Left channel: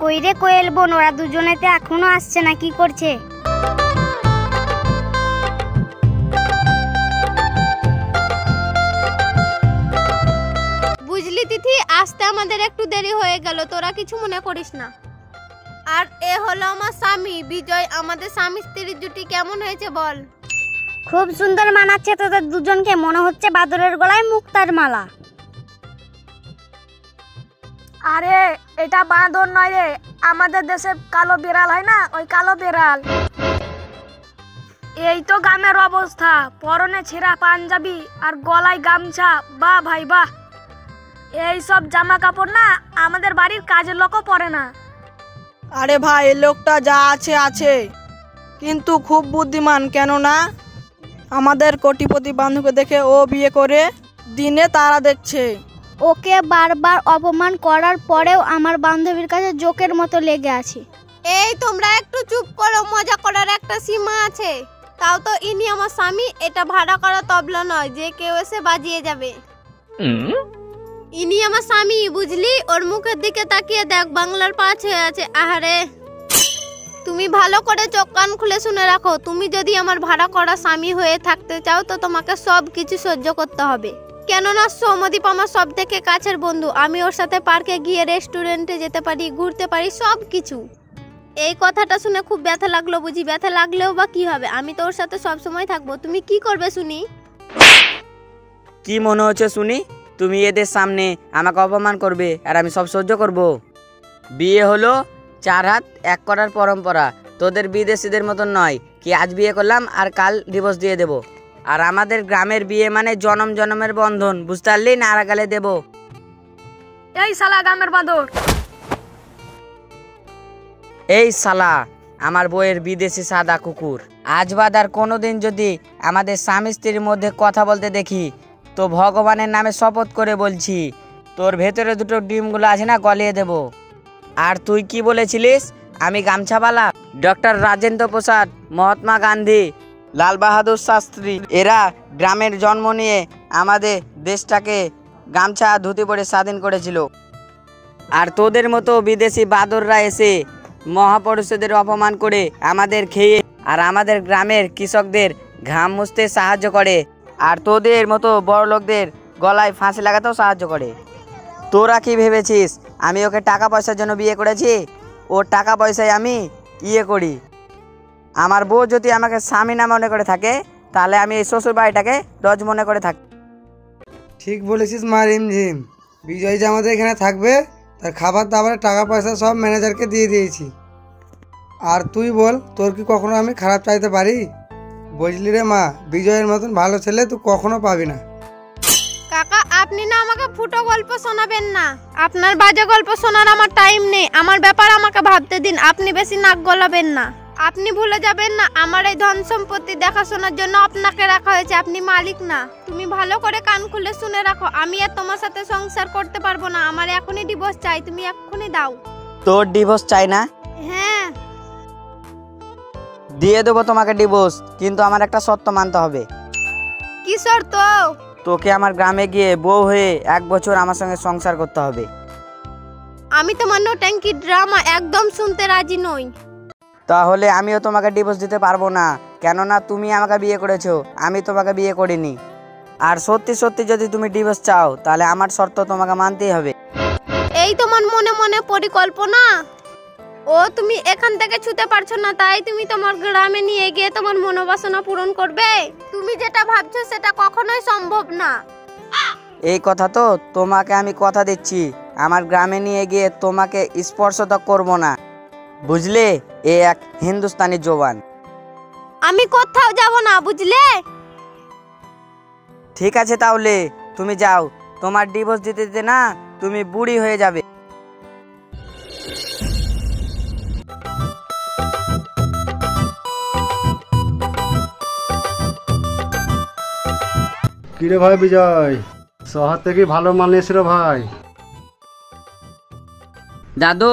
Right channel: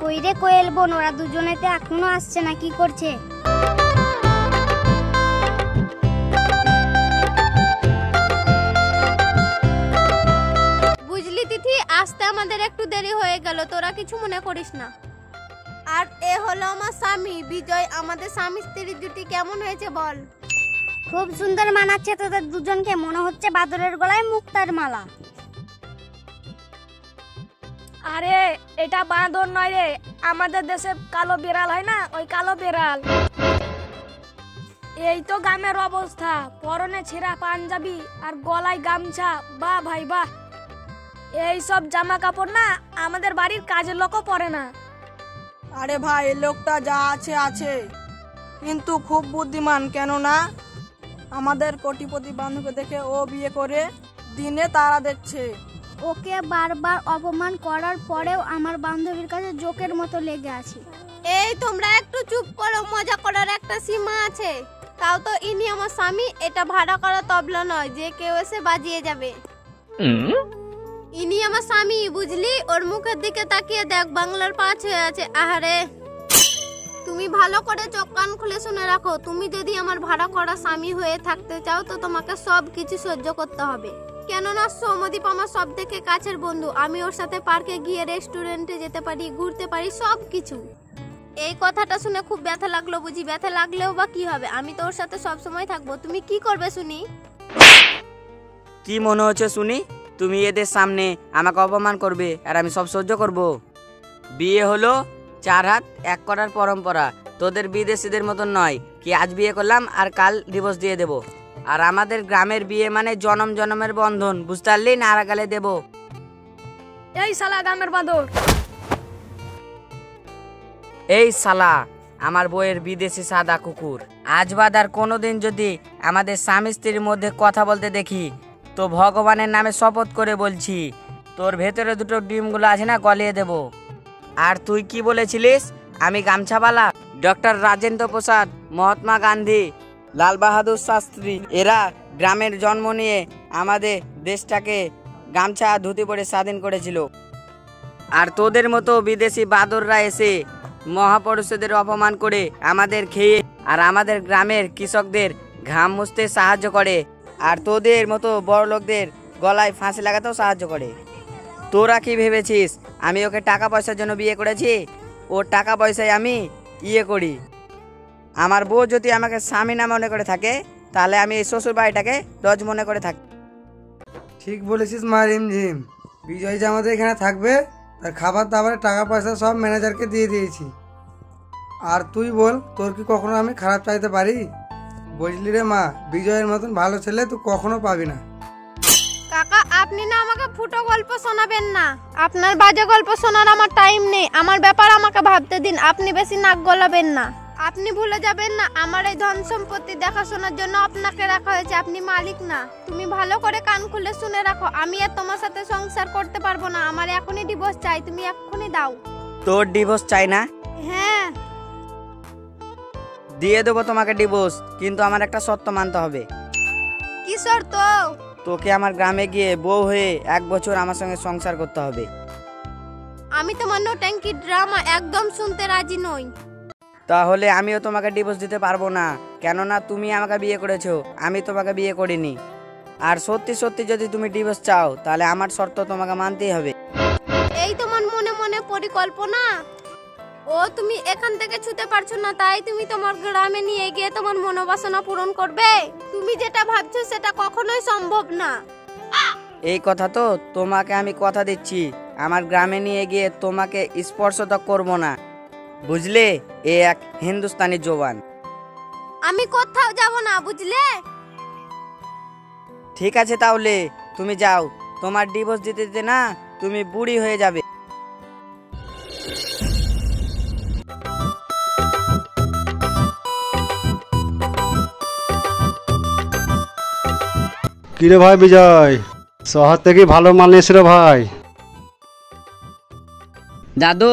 কই রে কোয়েল বোন, ওরা দুজনেতে এখনো আসছে না, কি করছে? বুঝলি তিথি, আসতে আমাদের একটু দেরি হয়ে গেল, তোরা কিছু মনে করিস না। আর এ হলো আমার স্বামী বিজয়। আমাদের স্বামী স্ত্রীর জুটি কেমন হয়েছে বল? খুব সুন্দর মানাচ্ছে তোদের দুজনকে, মনে হচ্ছে বাদরের গলায় মুক্তার মালা। আরে এটা বাঁদর নয় রে, আমাদের দেশে কালো বিড়াল হয় না, ওই কালো বিড়াল। এই তো গ্রামের অবস্থা, পরনে ছেঁড়া পাঞ্জাবি আর গলায় গামছা। বাহ ভাই বাহ, এই সব জামা কাপড় না আমাদের বাড়ির কাজের লোকও পরে না। আরে ভাই, এই লোকটা যা আছে আছে, কিন্তু খুব বুদ্ধিমান, কেন না আমাদের কোটিপতি বান্ধবকে দেখে ও বিয়ে করে দিনে তারা দেখছে। ওকে বারবার অপমান করার পরেও আমার বান্ধবীর কাছে জোকের মতো লেগে আছে। এই তোমরা একটু চুপ করো, মজা করার একটা সীমা আছে। তাও তো ইনি আমার স্বামী, এটা ভাড়া করা তবলা নয় যে কেউ এসে বাজিয়ে যাবে। ইনি আমার স্বামী, বুঝলি? ওর মুখের দিকে তাকিয়ে দেখ, বাংলার পাঁচ হয়ে আছে। আহারে, তুমি ভালো করে চোখ কান খুলে শুনে রাখো, তুমি যদি আমার ভাড়া করা স্বামী হয়ে থাকতে চাও তো তোমাকে সব কিছু সহ্য করতে হবে। কেননা সৌমদীপ আমার সব থেকে কাছের বন্ধু, আমি ওর সাথে পার্কে গিয়ে রেস্টুরেন্টে যেতে পারি, ঘুরতে পারি, সব কিছু। এই কথাটা শুনে খুব ব্যথা লাগলো বুঝি? ব্যথা লাগলেও বা কি হবে, আমি তো ওর সাথে সব সময় থাকবো। তুমি কি করবে শুনি? কি মনে হচ্ছে শুনি? তুমি এদের সামনে আমাকে অপমান করবে আর আমি সব সহ্য করব? বিয়ে হলো 4 হাত 1 করার পরম্পরা, তোদের বিদেশিদের মতন নয় কি আজ বিয়ে করলাম আর কাল ডিভোর্স দিয়ে দেব। আর আমাদের গ্রামের বিয়ে মানে জনম জনমের বন্ধন, বুঝতে পারলি? না আড়াগালে দেব। এই শালা গ্রামের বাঁদর! এই শালা আমার বউয়ের বিদেশি সাদা কুকুর, আজ বাদ আর কোনোদিন যদি আমাদের স্বামী স্ত্রীর মধ্যে কথা বলতে দেখি তো ভগবানের নামে শপথ করে বলছি তোর ভেতরে দুটো ডিমগুলো আছে না, গলিয়ে দেব। আর তুই কি বলেছিলিস আমি গামছাওয়ালা? ডক্টর রাজেন্দ্র প্রসাদ, মহাত্মা গান্ধী, লাল বাহাদুর শাস্ত্রী এরা গ্রামের জন্ম নিয়ে আমাদের দেশটাকে গামছা ধুতি পরে স্বাধীন করেছিল। আর তোদের মতো বিদেশি বাদররা এসে মহাপুরুষদের অপমান করে আমাদের খেয়ে আর আমাদের গ্রামের কৃষকদের ঘাম মুছতে সাহায্য করে, আর তোদের মতো বড় লোকদের গলায় ফাঁসি লাগাতেও সাহায্য করে। তোরা কি ভেবেছিস আমি ওকে টাকা পয়সার জন্য বিয়ে করেছি? ও টাকা পয়সায় আমি ইয়ে করি। আমার বউ যদি আমাকে স্বামী না মনে করে থাকে তাহলে আমি এই শ্বশুর বাড়িটাকে লজ মনে করে থাকি। ঠিক বলেছিস মা রিমঝিম, বিজয় যে আমাদের এখানে থাকবে তার খাবার দাবার টাকা পয়সা সব ম্যানেজারকে দিয়ে দিয়েছি। আর তুই বল, তোর কি কখনো আমি খারাপ চাইতে পারি? বুঝলি রে মা, বিজয়ের মতন ভালো ছেলে তুই কখনো পাবি না। কাকা, আপনি না আমাকে ফুটো গল্প শোনাবেন না, আপনার বাজে গল্প শোনার আমার টাইম নেই। আমার ব্যাপার আমাকে ভাবতে দিন, আপনি বেশি নাক গলাবেন না। আপনি ভুলে যাবেন না আমার এই ধন সম্পত্তি দেখাশোনার জন্য আপনাকে রাখা হয়েছে, আপনি মালিক না। তুমি ভালো করে কান খুলে শুনে রাখো, আমি আর তোমার সাথে সংসার করতে পারবো না, আমার এখনই ডিভোর্স চাই, তুমি এক্ষুনি দাও। তোর ডিভোর্স চাই না? হ্যাঁ দিয়ে দেবো তোমাকে ডিভোর্স, কিন্তু আমার একটা শর্ত মানতে হবে। কি শর্ত? তোকে আমার গ্রামে গিয়ে বউ হয়ে 1 বছর আমার সঙ্গে সংসার করতে হবে। আমি তোমার নোট্যাঙ্কি ড্রামা একদম শুনতে রাজি নই। তাহলে আমিও তোমাকে ডিভোর্স দিতে পারবো না, কেননা তুমি আমাকে বিয়ে করেছো, আমি তোমাকে বিয়ে করিনি। আর সত্যি সত্যি যদি তুমি ডিভোর্স চাও তাহলে আমার শর্ত তোমাকে মানতেই হবে। এই তোমার মনে মনে পরিকল্পনা? ও তুমি এখান থেকে ছুতে পারছো না তাই তুমি তোমার গ্রামে নিয়ে গিয়ে তোমার মনোবাসনা পূরণ করবে? তুমি যেটা ভাবছো সেটা কখনোই সম্ভব না। এই কথা তো তোমাকে আমি কথা দিচ্ছি, আমার গ্রামে নিয়ে গিয়ে তোমাকে স্পর্শ তো করবো না, বুঝলে? এ এক হিন্দুস্তানি জবান। আমি কোথাও যাব না, বুঝলে? ঠিক আছে তাহলে তুমি যাও, তোমার ডিভোর্স দিতে দিতে না তুমি বুড়ি হয়ে যাবে। কিরে ভাই বিজয়, শহর থেকে ভালো মাল এসে রে ভাই। দাদু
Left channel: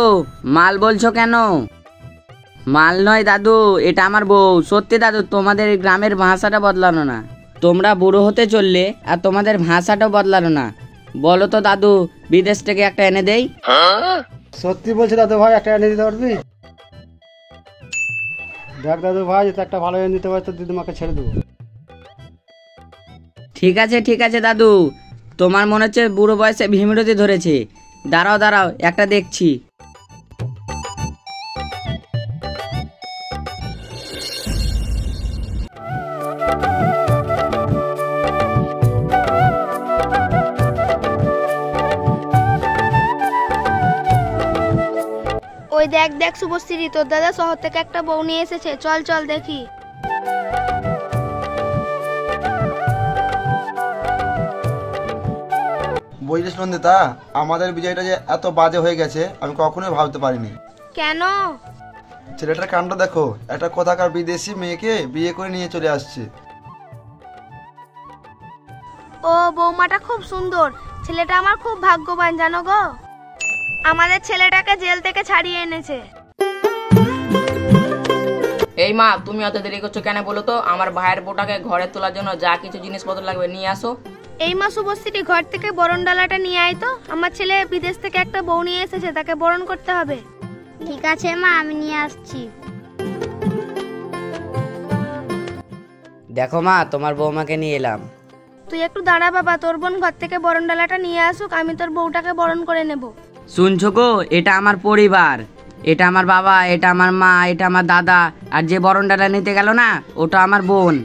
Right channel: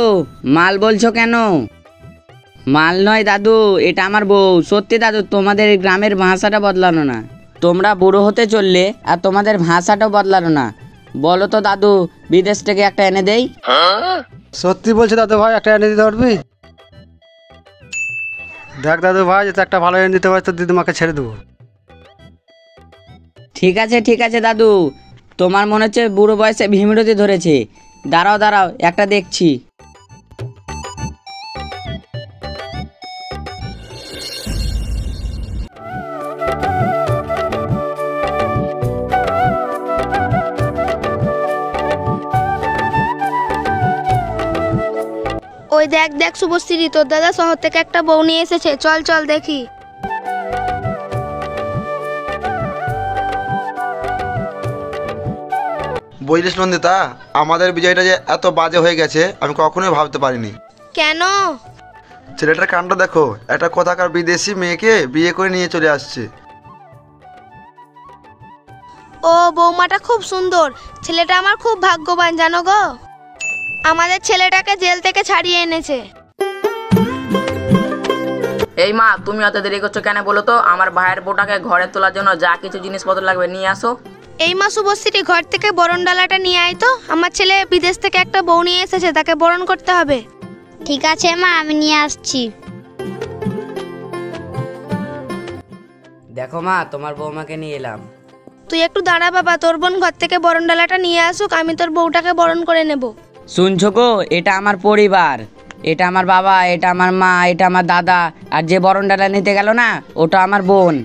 মাল বলছো কেন? মাল নয় দাদু, এটা আমার বউ। সত্যি দাদু, তোমাদের এই গ্রামের ভাষাটা বদলানো না, তোমরা বুড়ো হতে চললে আর তোমাদের ভাষাটাও বদলানো না। বলো তো দাদু, বিদেশ থেকে একটা এনে দেই? সত্যি বলছি দাদু ভাই, একটা এনে দিতে পারবি? দেখ দাদু ভাই, যদি একটা ভালো এনে দিতে পারি তো দিদিমাকে ছেড়ে দেবো। ঠিক আছে দাদু, তোমার মনে হচ্ছে বুড়ো বয়সে ভিমিরতি ধরেছে। দাঁড়াও একটা দেখছি। ওই দেখ দেখ শুভশ্রী, তোর দাদা শহর থেকে একটা বউ নিয়ে এসেছে, চল চল দেখি। বুঝলিস নন্দিতা, আমাদের বিজয়টা যে এত বাজে হয়ে গেছে আমি কখনোই ভাবতে পারিনি। কেন? ছেলেটার কামটা দেখো, একটা কোথাকার বিদেশি মেয়েকে বিয়ে করে নিয়ে চলে আসছে। ও বৌমাটা খুব সুন্দর, ছেলেটা আমার খুব ভাগ্যবান জানো গো। আমাদের ছেলেটাকে জেল থেকে ছাড়িয়ে এনেছে। এই মা, তুমি অত দেরি করছো কেন বলো তো? আমার ভাইয়ের বউটাকে ঘরে তোলার জন্য যা কিছু জিনিসপত্র লাগবে নিয়ে আসো। এই মা শুভশ্রী, ঘর থেকে বরণ ডালাটা নিয়ে আয় তো। আমার ছেলে বিদেশ থেকে একটা বউ নিয়ে এসেছে, তাকে বরণ করতে হবে। ঠিক আছে মা, আমি নিয়ে আসছি। দেখো মা, তোমার বৌমাকে নিয়ে এলাম। তুই একটু দাঁড়া বাবা, তোর বোন ঘর থেকে বরণ ডালাটা নিয়ে আসুক, আমি তোর বউটাকে বরণ করে নেব। শুনছো গো, এটা আমার পরিবার, এটা আমার বাবা, এটা আমার মা, এটা আমার দাদা, আর যে বরণ ডালা নিতে গেল না, ওটা আমার বোন।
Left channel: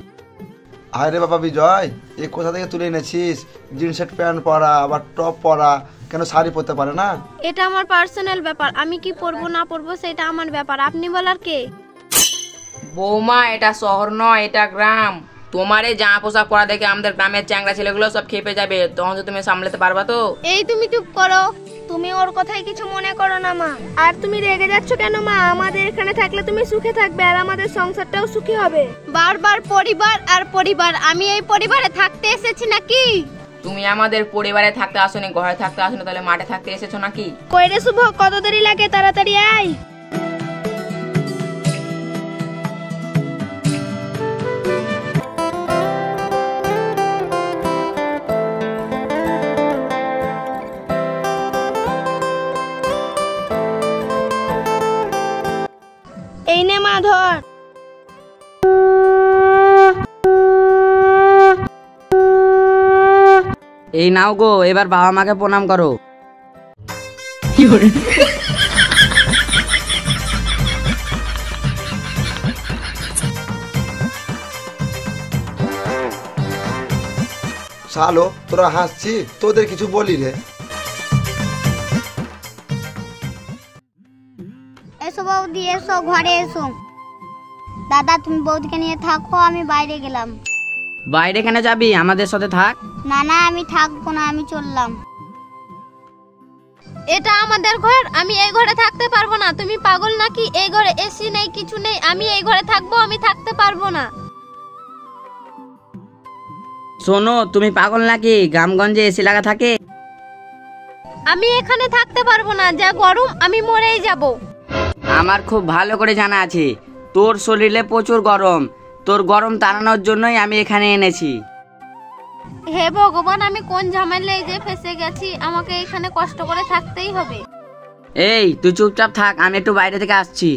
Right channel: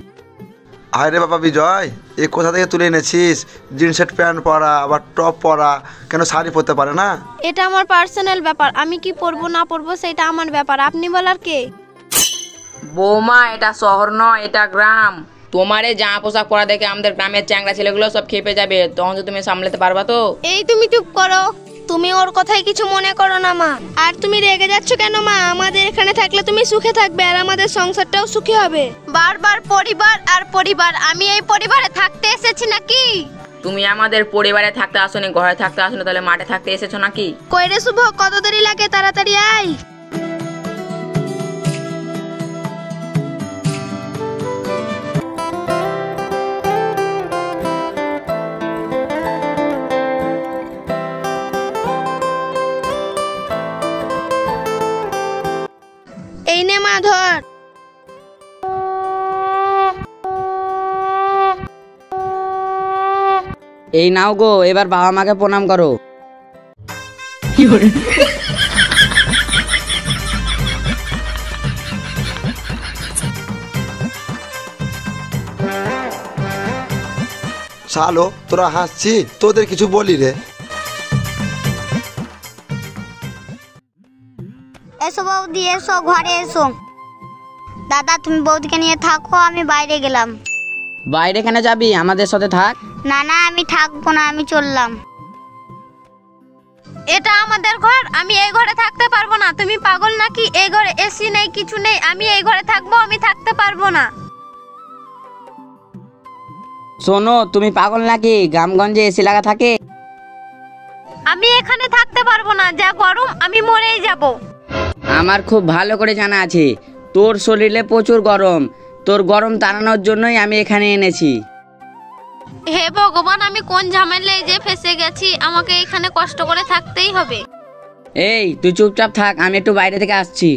আরে বাবা বিজয়, এ কোথা থেকে তুলে এনেছিস? জিন্সের প্যান্ট পরা, আবার টপ পরা, কেন শাড়ি পরতে পারে না? এটা আমার পার্সোনাল ব্যাপার, আমি কি পরবো না পরবো সেটা আমার ব্যাপার, আপনি বলার কে? বৌমা, এটা শহর নয়, এটা গ্রাম। তোমার এই জামা পোশাক পরা দেখে আমাদের গ্রামের চ্যাংড়া ছেলেগুলো সব খেপে যাবে, তখন তো তুমি সামলাতে পারবা তো? এই তুমি চুপ করো। তুমি ওর কথায় কিছু মনে করো না মা। আর তুমি রেগে যাচ্ছ কেন মা? আমাদের এখানে থাকলে তুমি সুখে থাকবে, আর আমাদের সংসারটাও সুখী হবে। বারবার পরিবার আর পরিবার, আমি এই পরিবারে থাকতে এসেছি নাকি? তুমি আমাদের পরিবারে থাকতে আসোনি, ঘরে থাকতে আসোনি, তাহলে মাঠে থাকতে এসেছো নাকি? কই রে শুভ, কত দেরি লাগে? তাড়াতাড়ি আয়। এই নে মা, ধর। এই নাও গো, এবার বাবা মাকে প্রণাম করো। শালো, তোরা হাসছি, তোদের কিছু বলি রে? এসো বৌদি, এসো ঘরে এসো। দাদা তুমি বৌদিকে নিয়ে থাকো, আমি বাইরে গেলাম। বাইরে কেন যাবি? আমাদের সাথে থাক। না না, আমি থাকবো না, আমি চললাম। এটা আমাদের ঘর, আমি এই ঘরে থাকতে পারবো না। তুমি পাগল নাকি? এই ঘরে এসি নেই, কিছু নেই, আমি এই ঘরে থাকবো? আমি থাকতে পারবো না। শোনো, তুমি পাগল নাকি? গ্রামগঞ্জে এসি লাগা থাকে। আমি এখানে থাকতে পারবো না, যা গরম, আমি মরেই যাব। আমার খুব ভালো করে জানা আছে তোর শরীরে প্রচুর গরম, তোর গরম তাড়ানোর জন্যই আমি এখানে এনেছি। হে ভগবান, আমি কোন ঝামেলায় যে ফেসে গেছি, আমাকে এখানে কষ্ট করে থাকতেই হবে। এই তুই চুপচাপ থাক, আমি একটু বাইরে থেকে আসছি।